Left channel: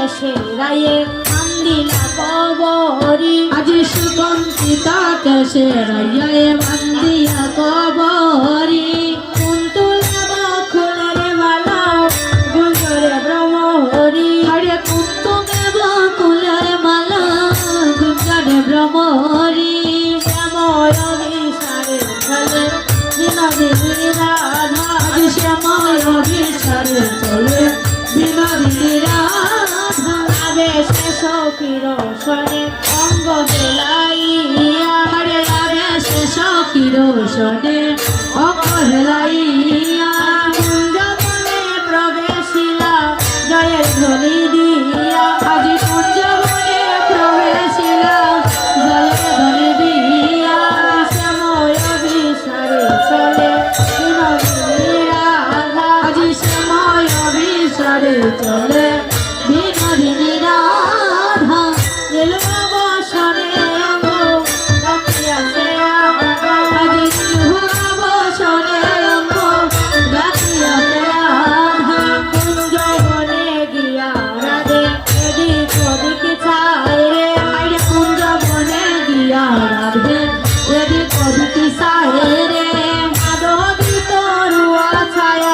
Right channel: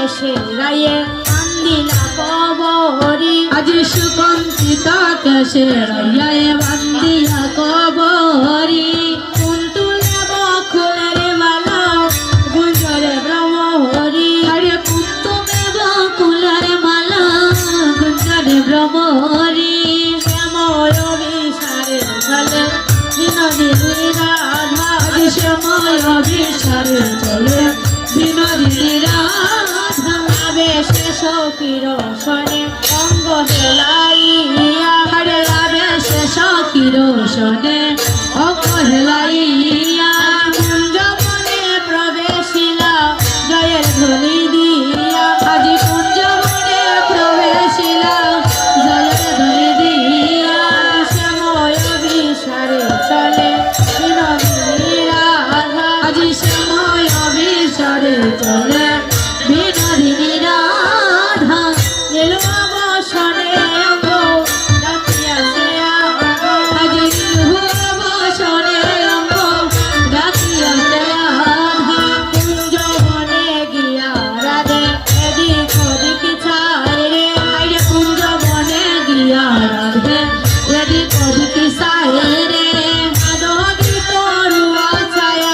বেশে রায়ে বান্দিলা কবরি আজি সুকন্তিতা কেশে রায়ে বান্দিয়া কবরি কুন্তুলে বকুলের মালা গুঞ্জরে ব্রহ্মহরি আরে কুন্তুলে বকুলের মালা গুঞ্জরে ব্রহ্মহরি শ্যাময় বিসারে চলে বিনোদিনী রাধা আজি শ্যাময় বিসারে চলে বিনোদিনী রাধা আবেশে সখীর সনে অঙ্গ হেলাইয়া আরে আবেশে সখীর সনে অঙ্গ হেলাইয়া কুঞ্জবনে প্রবেশিলা জয়ের ধ্বনি দিয়া আজি কুঞ্জবনে প্রবেশিলা জয়ের ধ্বনি দিয়া শ্যাময় বিসারে চলে বিনোদিনী রাধা আজি শ্যাময় বিসারে চলে বিনোদিনী রাধা এলো বসনে অঙ্গ ডাকিয়াছে আজি বসনে অঙ্গ ডাকিয়াছে আধা কুঞ্জবনে গিয়া রাধে এদিক ওদিক চায় রে আরে কুঞ্জবনে গিয়া রাধে এদিক ওদিক চায় রে মাধবী তরুয়া ছায়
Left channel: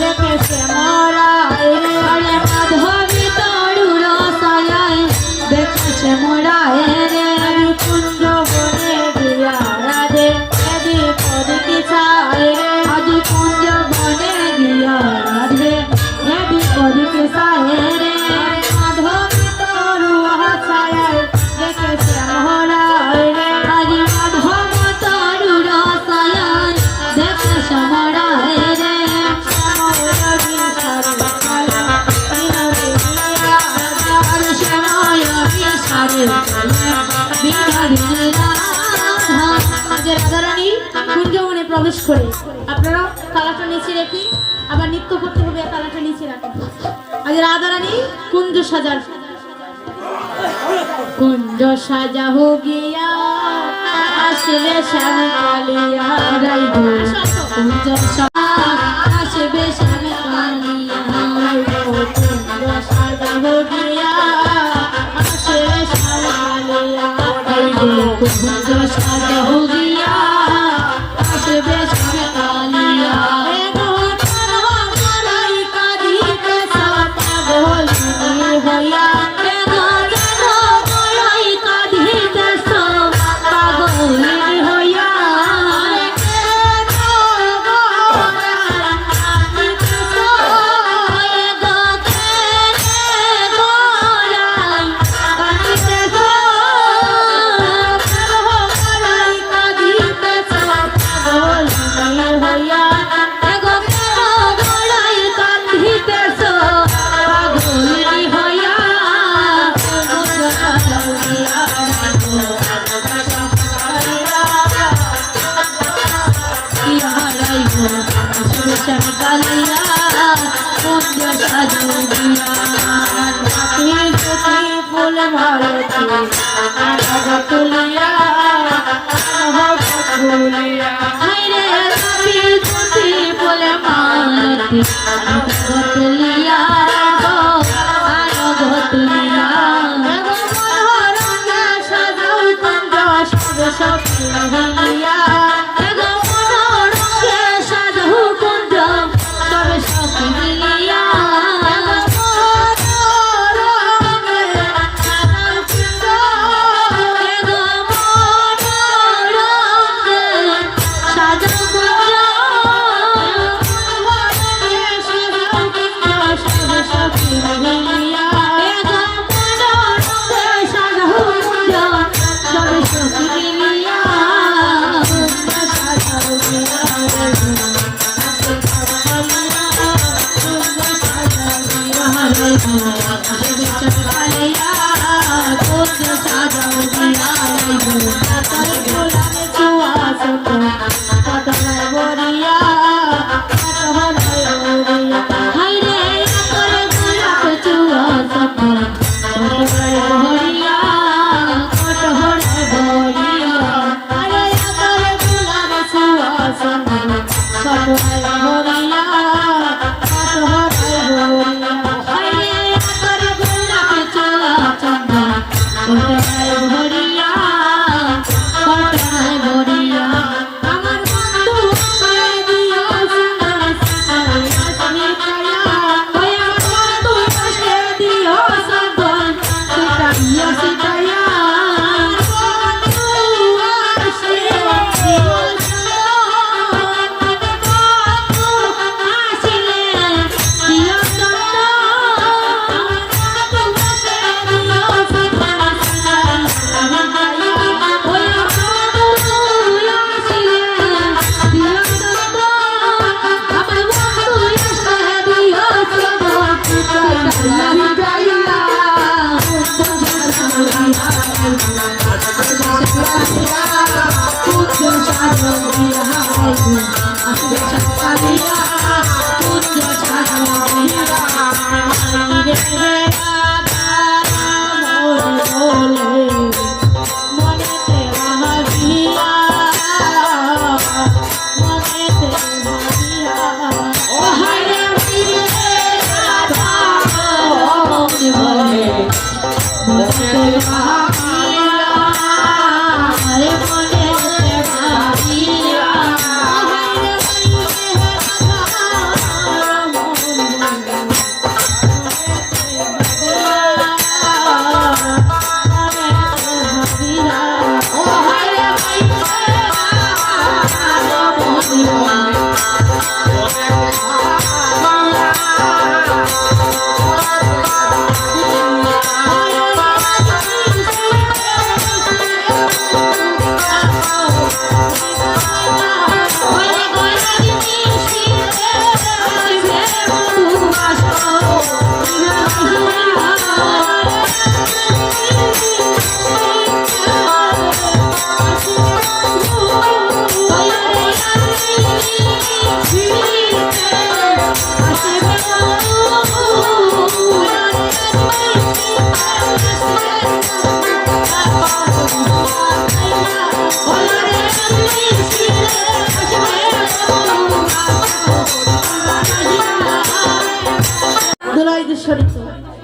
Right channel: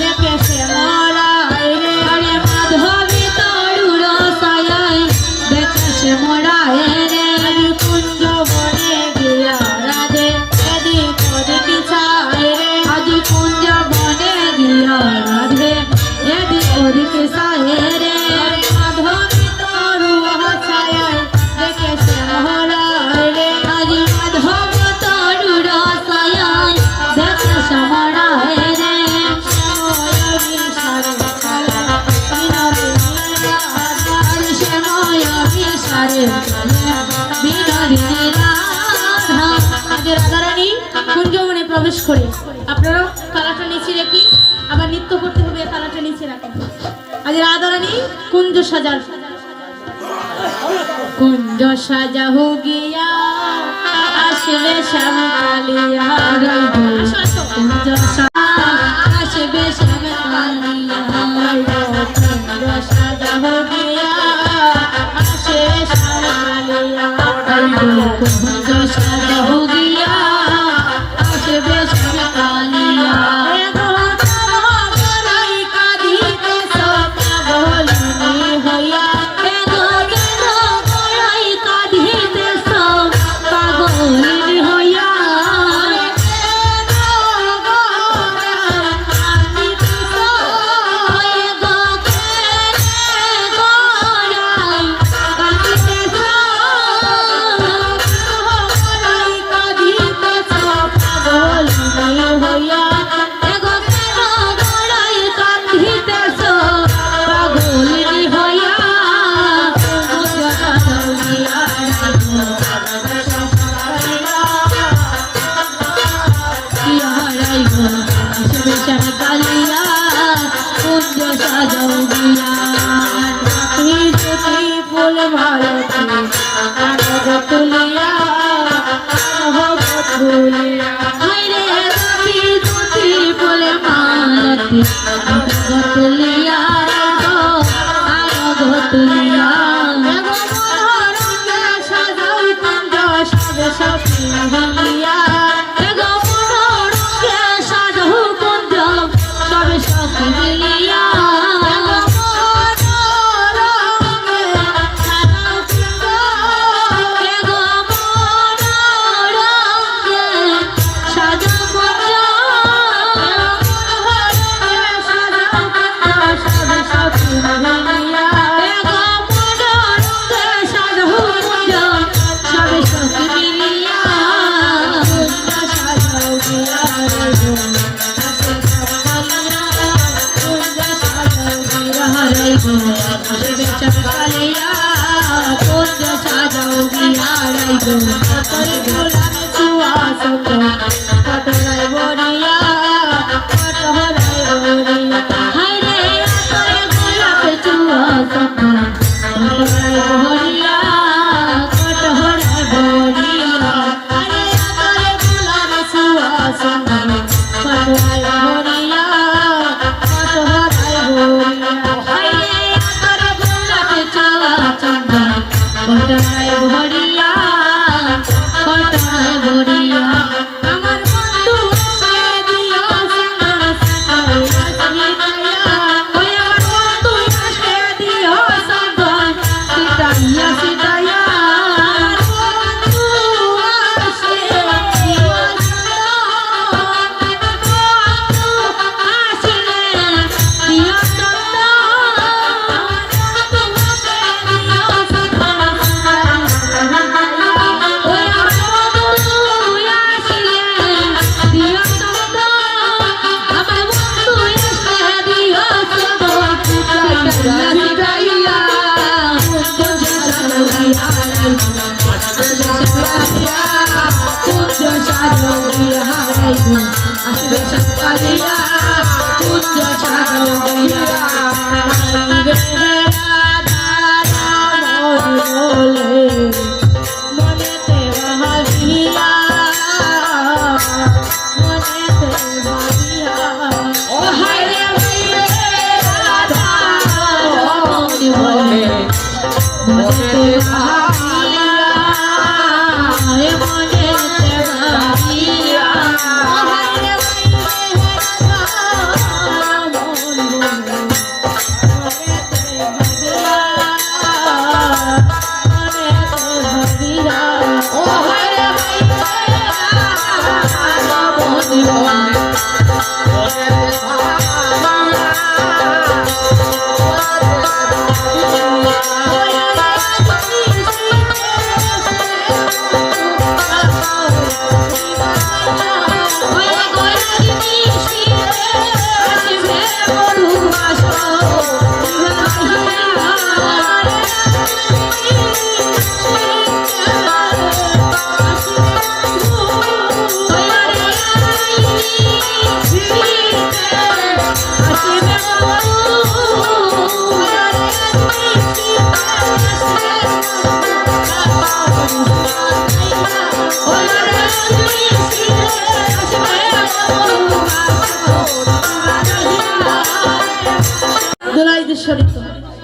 দেখে সে মরায় রে আরে মাধবী তরুয়া ছায় দেখে সে মরায় রে আরে কুঞ্জবনে গিয়া রাধে এদিক ওদিক চায় রে আজি কুঞ্জবনে গিয়া রাধে এদিক ওদিক চায় রে মাধবী তরুয়া ছায় দেখে সে মরায় রে আজি মাধব তরুয়া ছায় দেখে সে মরায় রে শ্যাময় বিসারে চলে বিনোদিনী রাধা আরে শ্যাময় বিসারে চলে বিনোদিনী রাধা আগে রাধারানী কুঞ্জবনে প্রবেশ করে আপনারা কালাটা নিচে রেখে আবার নৃত্য করতে হবে কালাটা নিচে রাখেন আজ রাধারানী কুঞ্জ সাজার কুঞ্জ সাজা হো গিয়া আসবে শ্যাম কালিয়া রাইব কুঞ্জ আসবে শ্যাম কালিয়া রাইব কুঞ্জ সাজা হো গিয়া আসবে শ্যাম কালিয়া রাইব কুঞ্জ সাজা হো গিয়া আসবে শ্যাম কালিয়া ফুল ভারতী তুলিয়া তুলিয়া ফুল মালতী তুলিয়া তুলিয়া সাজাও কুঞ্জ সব মিলিয়া সাজাও কুঞ্জ সব সব মিলিয়া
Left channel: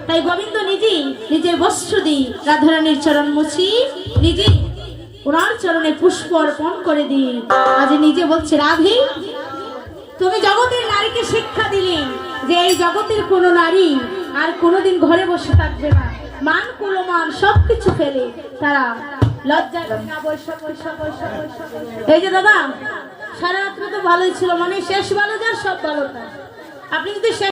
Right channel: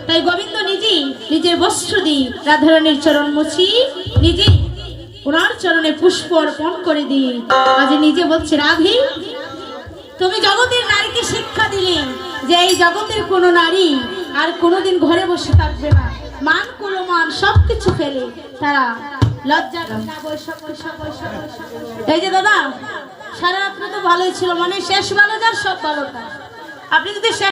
তাই গোবিন্দ নিজেই নিজের বস্ত্র দিয়ে রাধারানীর চরণ মুছি, নিজেই ওনার চরণে পুষ্প অর্পণ করে দিয়ে আজ নিজে বলছে, রাধে তুমি জগতের নারীকে শিক্ষা দিলে যে এই জগতের কোনো নারী আর কোনোদিন ঘরে বসে থাকবে না, মান কুলমান সবকিছু ফেলে তারা লজ্জা না বৈশা বৈশা বৈশা বৈশা। এই যে দাদা সারা রাত্রে তো ভালোই ছিল, মানে শেষ ভালো যার সব ভালো। আপনি যদি